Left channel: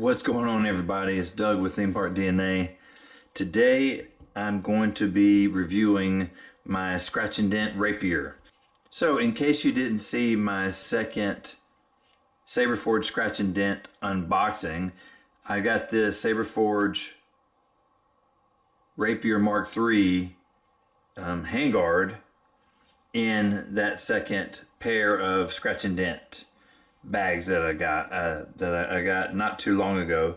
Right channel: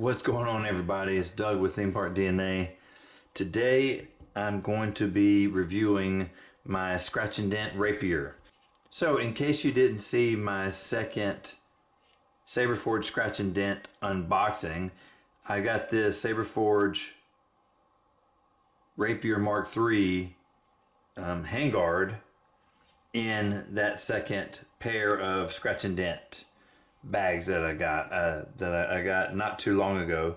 What's going on, everybody? It's Doug with Theme Park DNA. Today I'm going to be reviewing my Scratch and Dent Rapier. So in case you didn't see my second Saberforge Scratch and Dent unboxing, I got this Saberforge Rapier Mark III handguard in that second pair of Scratch and Dent bags that I got not too long ago.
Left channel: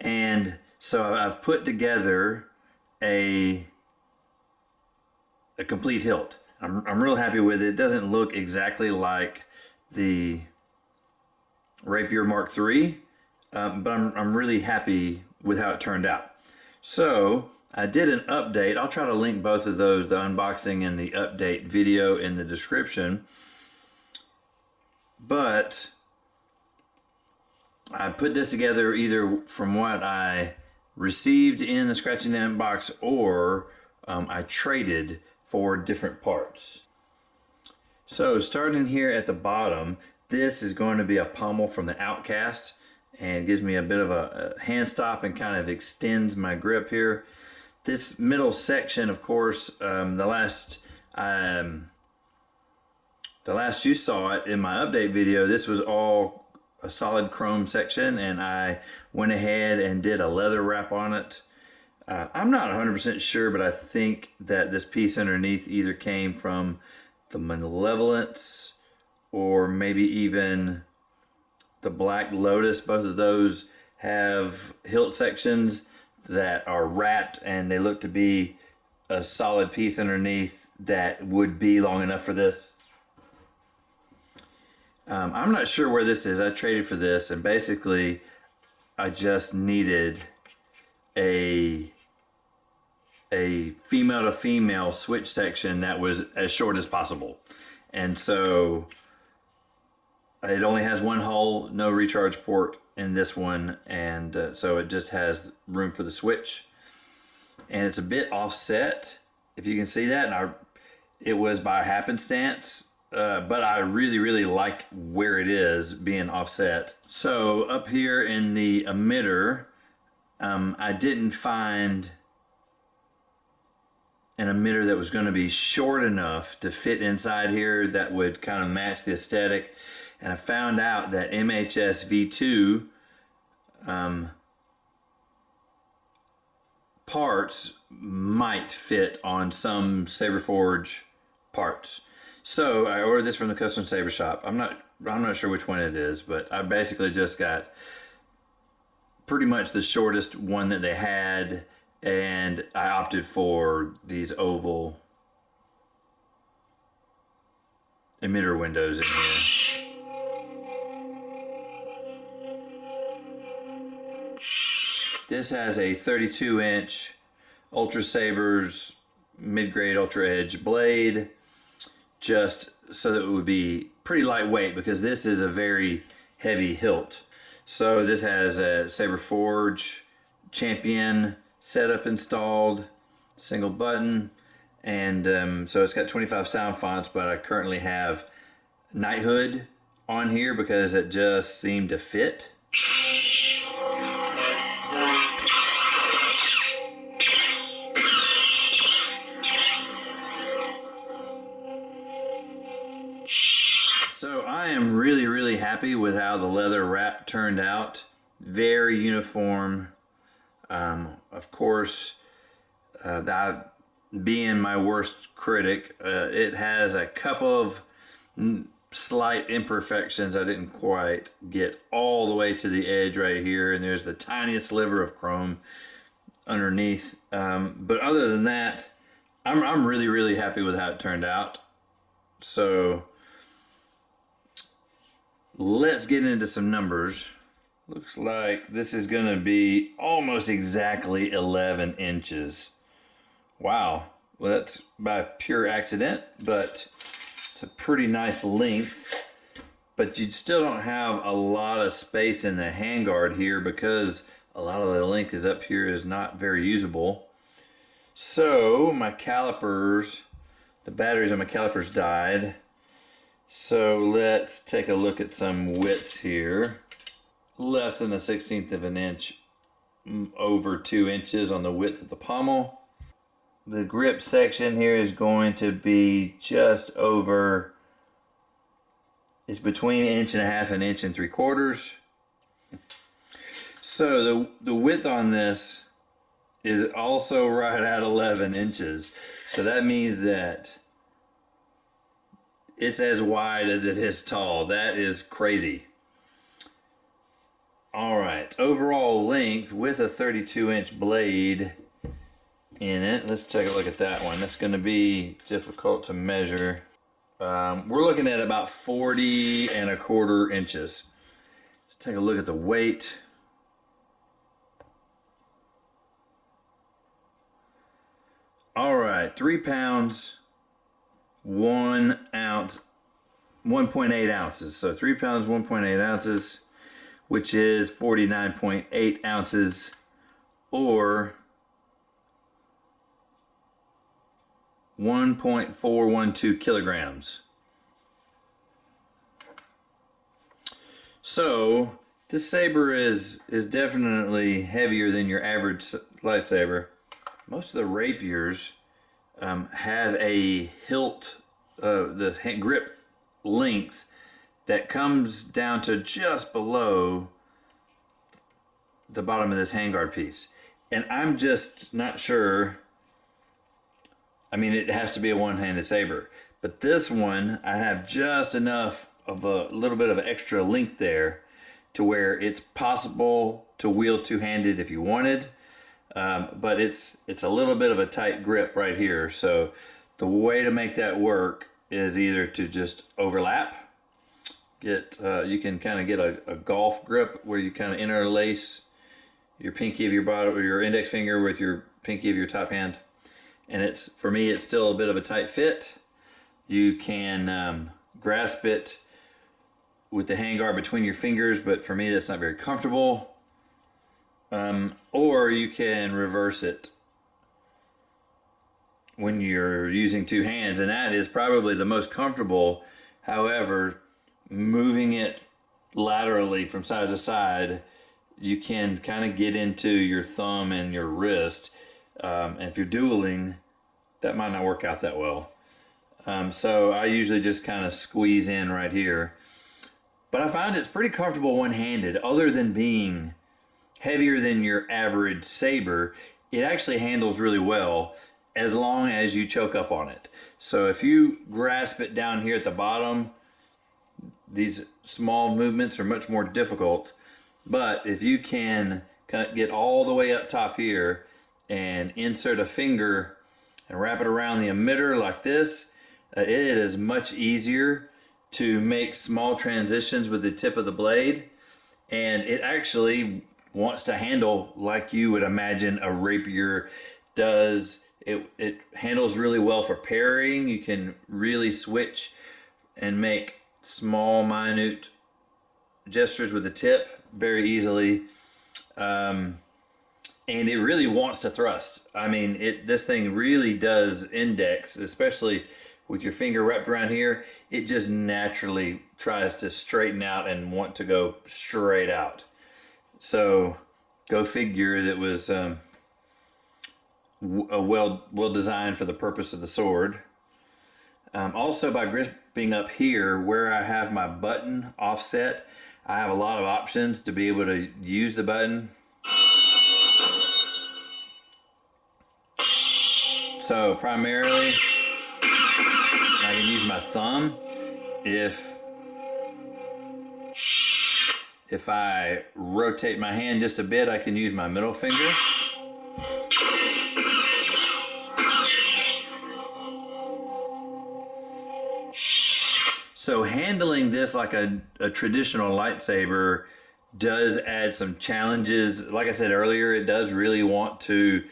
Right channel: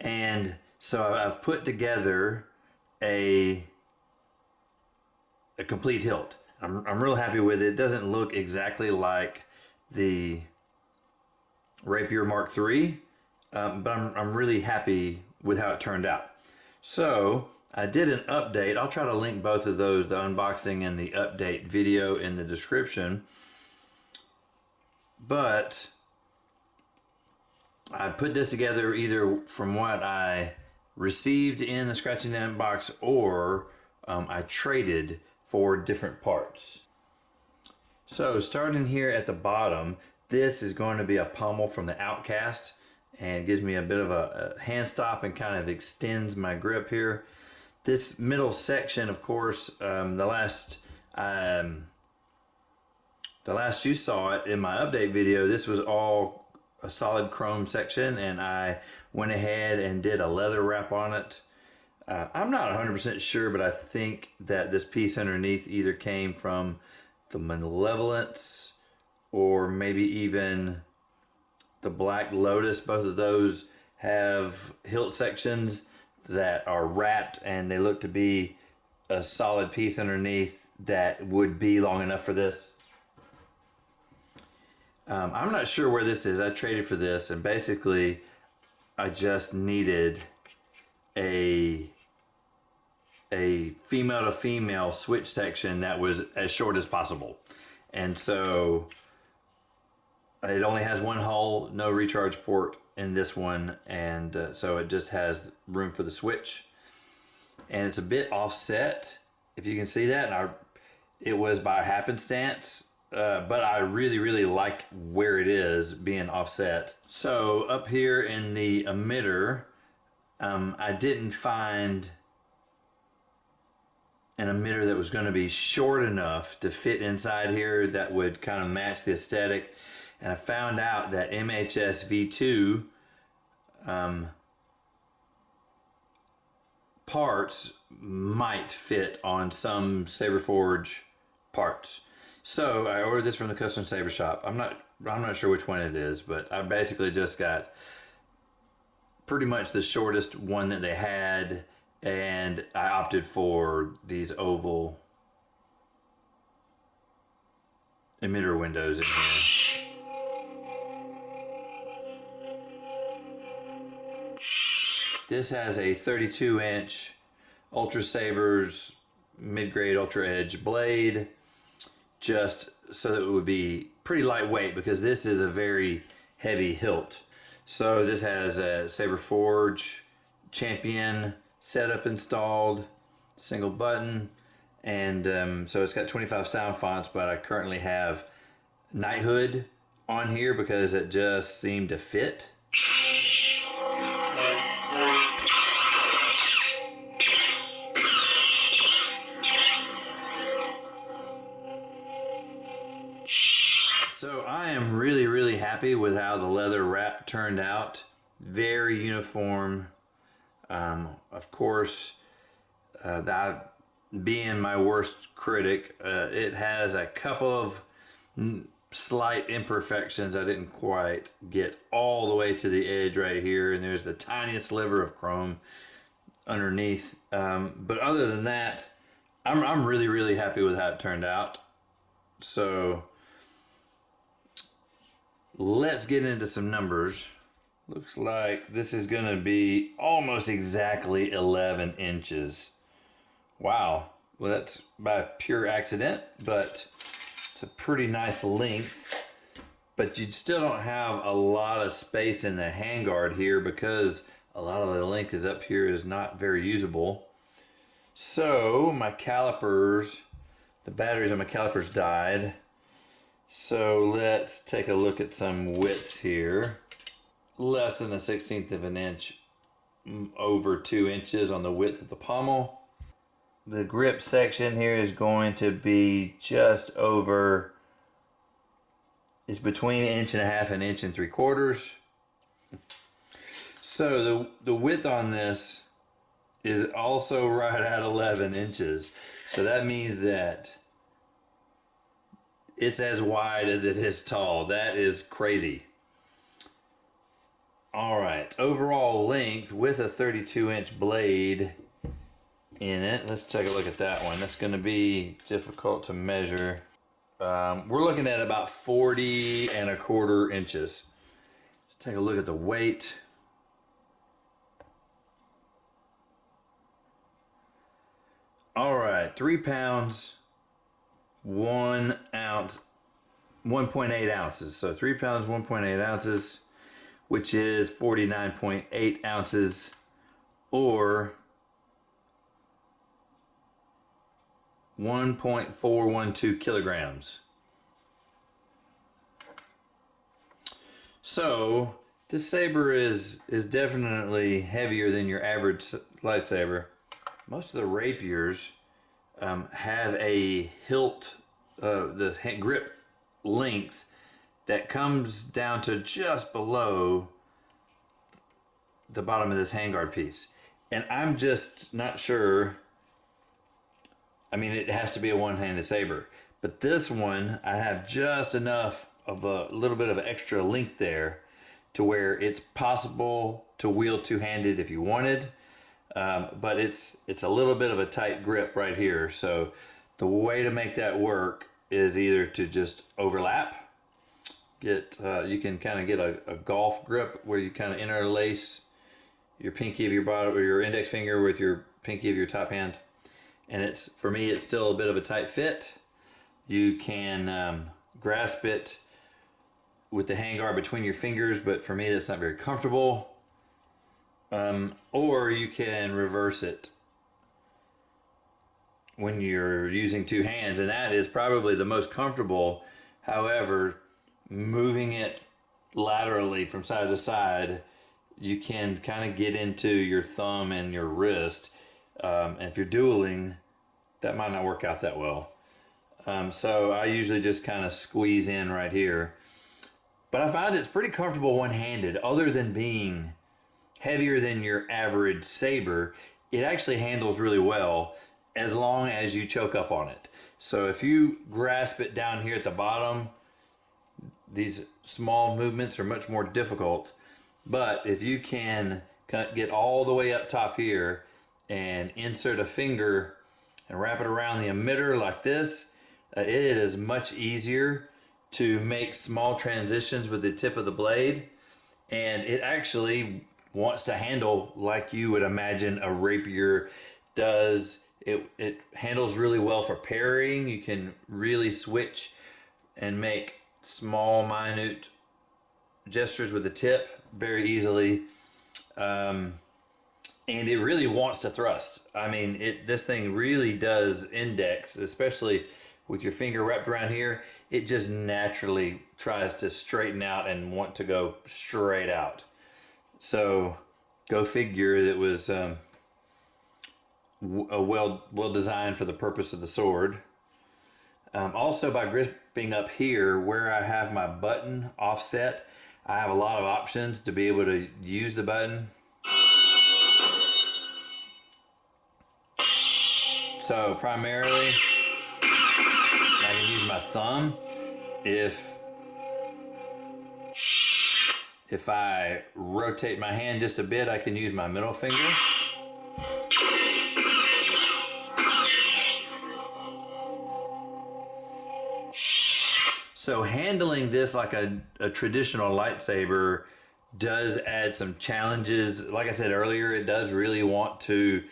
And so I've put together a complete hilt. I'm real happy with it. It doesn't look exactly like the Rapier Mark III, but I'm really happy with how it turned out. So I did an update. I'll try to link both of those, the unboxing and the update video, in the description. But I put this together either from what I received in the Scratch and Dent box, or I traded for different parts. So starting here at the bottom, this is going to be a pommel from the Outcast, and it gives me a bit of a hand stop and kind of extends my grip here. This middle section, of course, the last you saw it in my update video, this was all a solid chrome section, and I went ahead and did a leather wrap on it. I'm not 100% sure, but I think that this piece underneath either came from the Malevolence or maybe even the Black Lotus. Both of those have hilt sections that are wrapped, and they look to be a solid piece underneath that would be long enough for this. I'm not sure where this is. I traded for this, and basically I just needed a female to female switch section that was as short as possible. And so it only has one hole, no recharge port in this one, and so it just has room for the switch. And it's a bit offset, if you can see that, and it was by happenstance. But I really like where it is being offset. So up here in the emitter, I didn't find an emitter that was going to be short enough to fit inside here that would kind of match the aesthetic. And I found out that MHS V2 parts might fit on some Saberforge parts. So I ordered this from the custom Saber shop. I'm not sure which one it is, but I basically just got pretty much the shortest one that they had, and I opted for these oval emitter windows in here. This has a 32-inch Ultra Sabers mid-grade Ultra Edge blade, just so that it would be pretty lightweight, because this is a very heavy hilt. So this has a Saberforge Champion setup installed, single button, and so it's got 25 sound fonts, but I currently have Knighthood on here because it just seemed to fit. So I am really happy with how the leather wrap turned out. Very uniform. Of course, that being my worst critic, it has a couple of slight imperfections. I didn't quite get all the way to the edge right here, and there's the tiniest sliver of chrome underneath. But other than that, I'm really happy with how it turned out. So let's get into some numbers. Looks like this is going to be almost exactly 11 inches. Wow. Well, that's by pure accident, but it's a pretty nice length. But you still don't have a lot of space in the handguard here, because a lot of the length is up here is not very usable. So my calipers, the batteries on my calipers died. So let's take a look at some widths here. less than 1/16 of an inch over 2 inches on the width of the pommel. The grip section here is going to be just over, it's between 1.5 and 1 3/4. So the width on this is also right at 11 inches. So that means that it's as wide as it is tall. That is crazy. All right, overall length with a 32-inch blade in it. Let's take a look at that one. That's going to be difficult to measure. We're looking at about 40 1/4 inches. Let's take a look at the weight. All right, 3 pounds, 1 ounce, 1.8 ounces. So 3 pounds, 1.8 ounces, which is 49.8 ounces, or 1.412 kilograms. So this saber is definitely heavier than your average lightsaber. Most of the rapiers have a hilt, the grip length that comes down to just below the bottom of this handguard piece. And I'm just not sure. I mean, it has to be a one-handed saber. But this one, I have just enough of a little bit of extra length there to where it's possible to wield two-handed if you wanted. But it's a little bit of a tight grip right here. So the way to make that work is either to just overlap. You can kind of get a golf grip where you kind of interlace your pinky of your bottom or your index finger with your pinky of your top hand. And for me, it's still a bit of a tight fit. You can grasp it with the handguard between your fingers, but for me, that's not very comfortable. Or you can reverse it when you're using two hands, and that is probably the most comfortable. However, moving it laterally from side to side, you can kind of get into your thumb and your wrist. And if you're dueling, that might not work out that well. So I usually just kind of squeeze in right here. But I find it's pretty comfortable one-handed. Other than being heavier than your average saber, it actually handles really well as long as you choke up on it. So if you grasp it down here at the bottom, these small movements are much more difficult. But if you can get all the way up top here and insert a finger and wrap it around the emitter like this, it is much easier to make small transitions with the tip of the blade. And it actually wants to handle like you would imagine a rapier does. It handles really well for parrying. You can really switch and make small, minute gestures with the tip very easily. And it really wants to thrust. I mean, this thing really does index, especially with your finger wrapped around here. It just naturally tries to straighten out and want to go straight out. So go figure, that was well designed for the purpose of the sword. Also, by gripping up here where I have my button offset, I have a lot of options to be able to use the button. So primarily, I can use my thumb. If I rotate my hand just a bit, I can use my middle finger. So handling this like a traditional lightsaber does add some challenges. Like I said earlier, it does really want to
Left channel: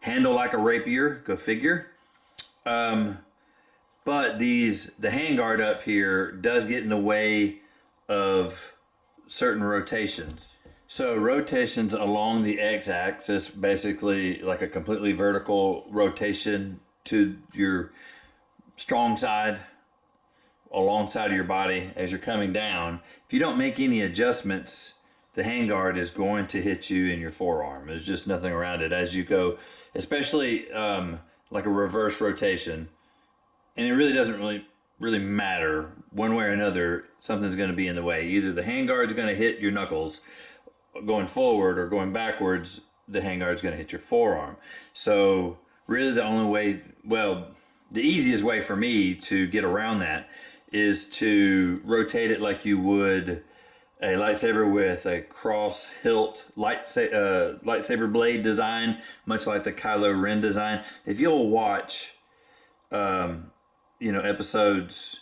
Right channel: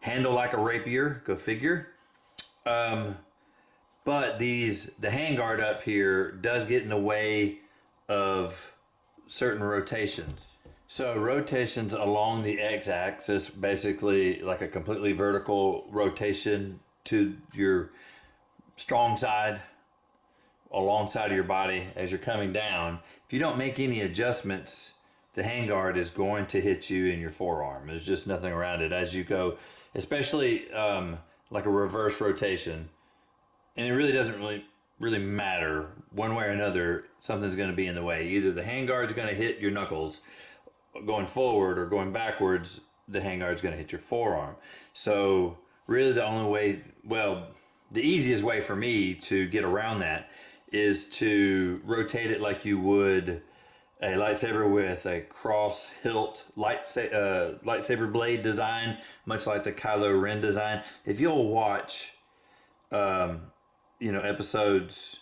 handle like a rapier, go figure. But the handguard up here does get in the way of certain rotations. So rotations along the x-axis, basically like a completely vertical rotation to your strong side, alongside of your body as you're coming down. If you don't make any adjustments the handguard is going to hit you in your forearm. There's just nothing around it as you go, especially like a reverse rotation. And it really doesn't really matter one way or another. Something's going to be in the way. Either the handguard's going to hit your knuckles going forward, or going backwards, the handguard's going to hit your forearm. So really the only way, well, the easiest way for me to get around that is to rotate it like you would a lightsaber with a cross hilt lightsaber blade design, much like the Kylo Ren design. If you'll watch, episodes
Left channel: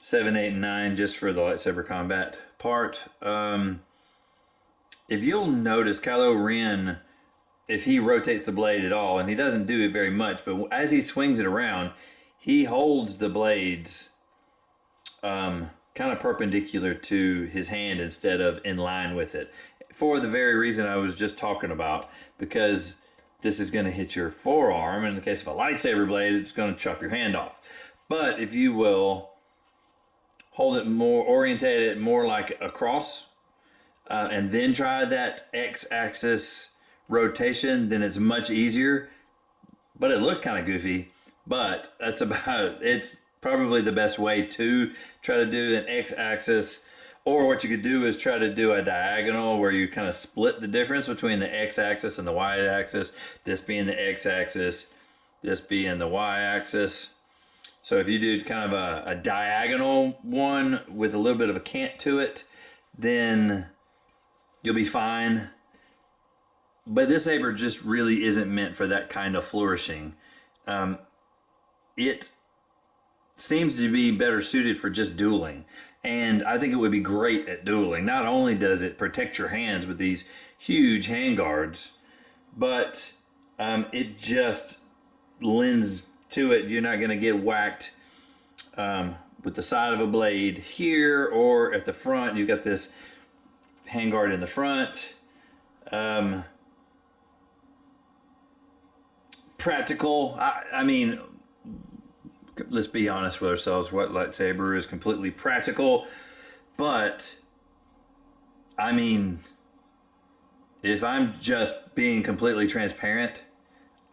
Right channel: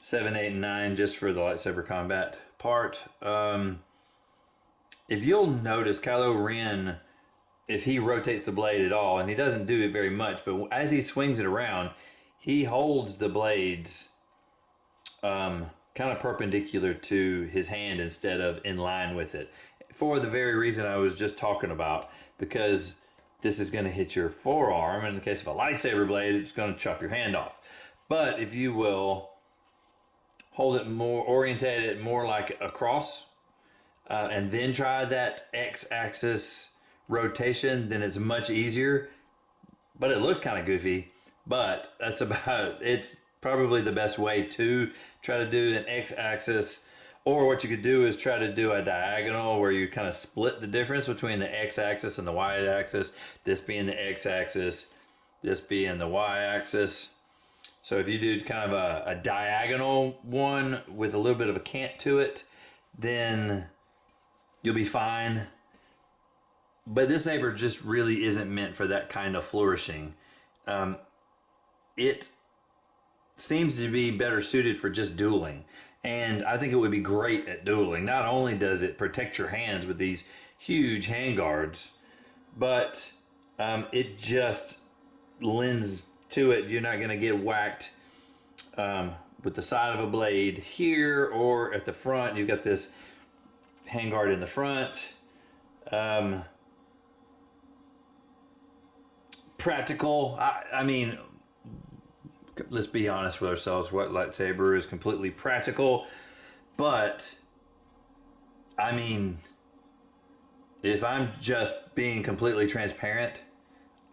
7, 8, and 9, just for the lightsaber combat part, if you'll notice Kylo Ren, if he rotates the blade at all, and he doesn't do it very much, but as he swings it around, he holds the blades kind of perpendicular to his hand instead of in line with it, for the very reason I was just talking about, because this is going to hit your forearm. In the case of a lightsaber blade, it's going to chop your hand off. But if you will hold it more, orientate it more like a cross, and then try that X-axis rotation, then it's much easier. But it looks kind of goofy, but that's about, it's probably the best way to try to do an X-axis. Or what you could do is try to do a diagonal where you kind of split the difference between the X-axis and the Y-axis, this being the X-axis, this being the Y-axis. So if you do kind of a diagonal one with a little bit of a cant to it, then you'll be fine. But this saber just really isn't meant for that kind of flourishing. It seems to be better suited for just dueling. And I think it would be great at dueling. Not only does it protect your hands with these huge handguards, but it just lends to it. You're not going to get whacked with the side of a blade here or at the front. You've got this handguard in the front. Practical. I mean, let's be honest with ourselves. What lightsaber is completely practical? But I mean, if I'm just being completely transparent,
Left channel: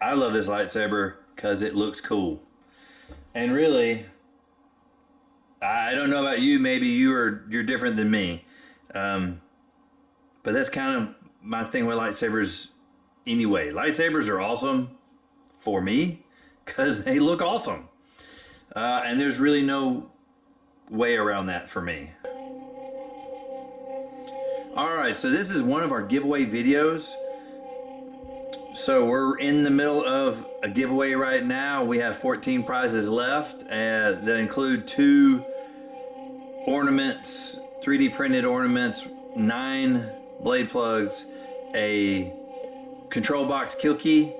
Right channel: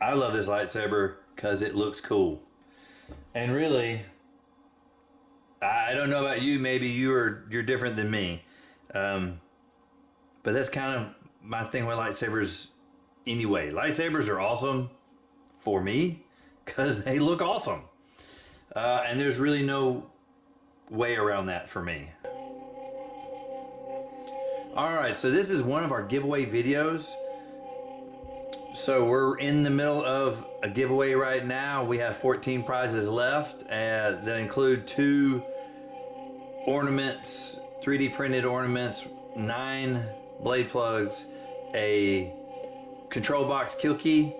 I love this lightsaber because it looks cool. And really, I don't know about you. Maybe you're different than me. But that's kind of my thing with lightsabers anyway. Lightsabers are awesome for me because they look awesome. And there's really no way around that for me. Alright, so this is one of our giveaway videos. So we're in the middle of a giveaway right now. We have 14 prizes left that include 2 ornaments, 3D printed ornaments, 9 blade plugs, a control box kill key,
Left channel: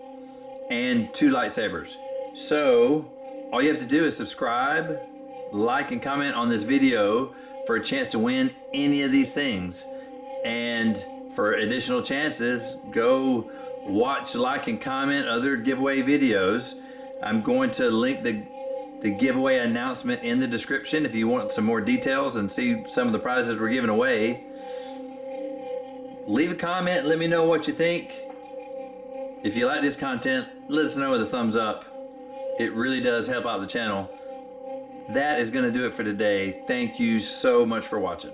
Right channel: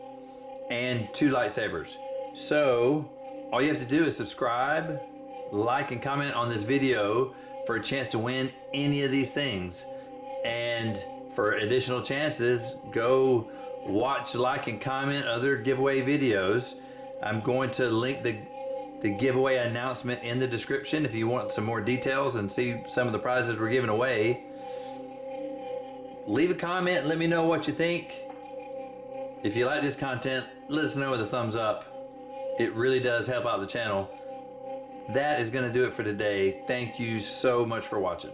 and 2 lightsabers. So all you have to do is subscribe, like, and comment on this video for a chance to win any of these things. And for additional chances, go watch, like, and comment other giveaway videos. I'm going to link the giveaway announcement in the description if you want some more details and see some of the prizes we're giving away. Leave a comment, let me know what you think. If you like this content, let us know with a thumbs up. It really does help out the channel. That is going to do it for today. Thank you so much for watching.